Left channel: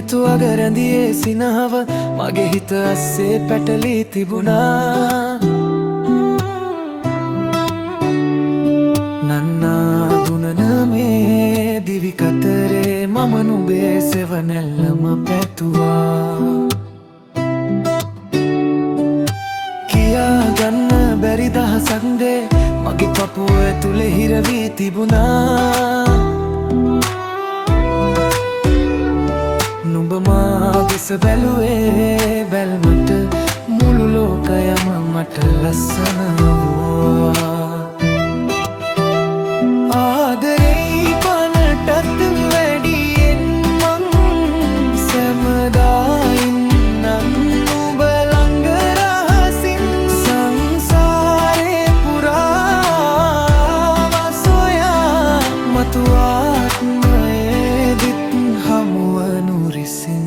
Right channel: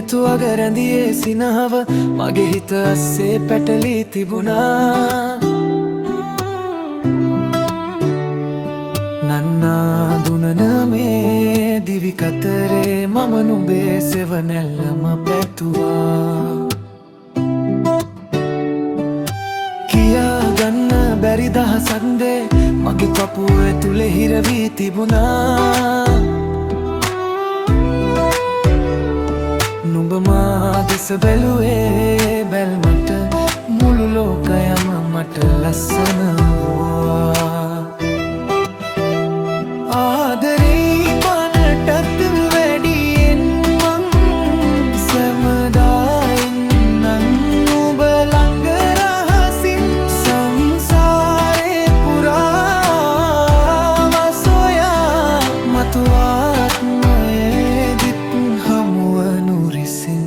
හෙතුවග රැඳියේ සිනහව මගේ හිත අස්සේ පැටලී තිබුණා. නන්නා දුනන මේ දිවි කතරේ මම නුඹේ සෙවනැල්ලම පැතුවා. කියා ගන්න බැරි දහසක් දේ මගේ පපුව ඇතුලේ හිරවී තිබුණා. නුඹ මා දෙස බැලුවේ බැල්මට මුළු ලෝකයම මට ලස්සන වුණා. ආදරේ පනටත් වැඩියෙන් මං සැමදා ඉන්නම් නුඹ ළඟ රහසින් සංසාරේ පුරාම සොයා මතු ආත්මයේදිත් හමුවනු රිසින්.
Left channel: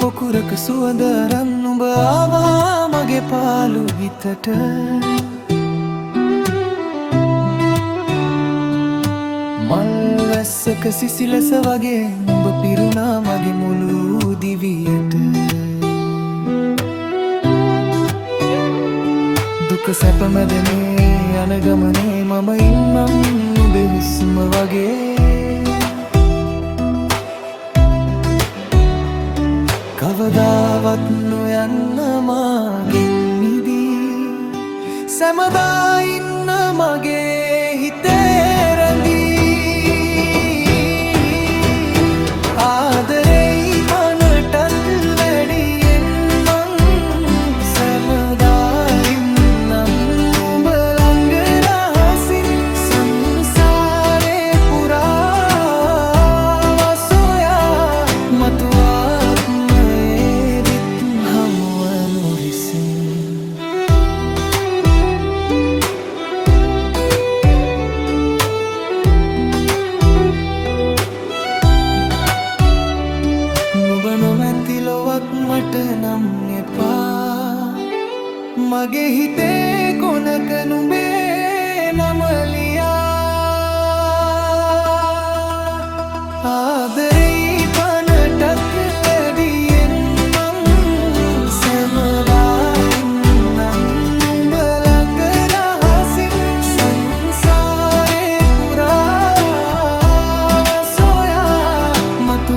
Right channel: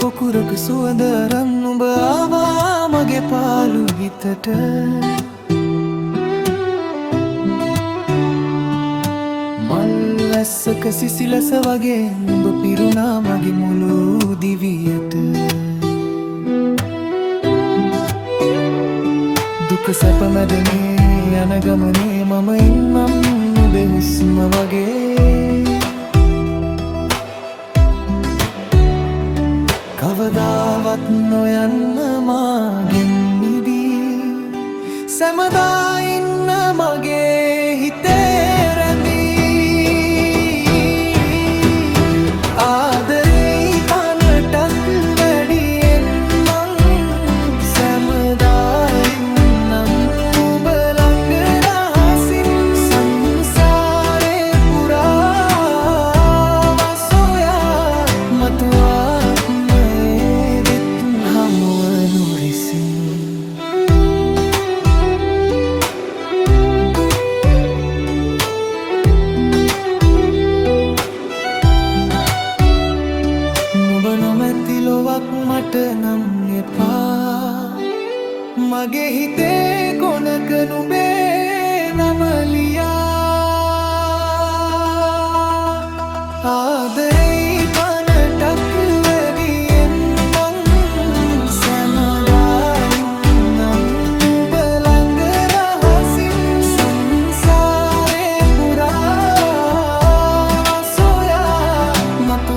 පොකුරක සුවඳ අරන් නුඹ ආවා මගේ පාළු හිතට. මල් වැස්සක සිසිලස වගේ නුඹ පිරුණා මගේ මුළු දිවියට. දුක සැප මැද මේ යන ගමනේ මම ඉන්නම් නුඹේ හුස්ම වගේ. කවදාවත් නොයන්න මාගෙන් මිදී සැමදා ඉන්න මගේ හිතේ රැඳී. ආදරේ පනටත් වැඩියෙන් මං සැමදා ඉන්නම් නුඹ ළඟ රහසින් සංසාරේ පුරාම සොයා මතු ආත්මයේදිත් හමුවනු රිසින්. නුඹ නොමැති ලොවක් මට නම් එපා. මගේ හිතේ කොනක නුඹේ නම ලියා. ආදරේ පනටත් වැඩියෙන් මං සැමදා ඉන්නම් නුඹ ළඟ රහසින් සංසාරේ පුරාම සොයා මතු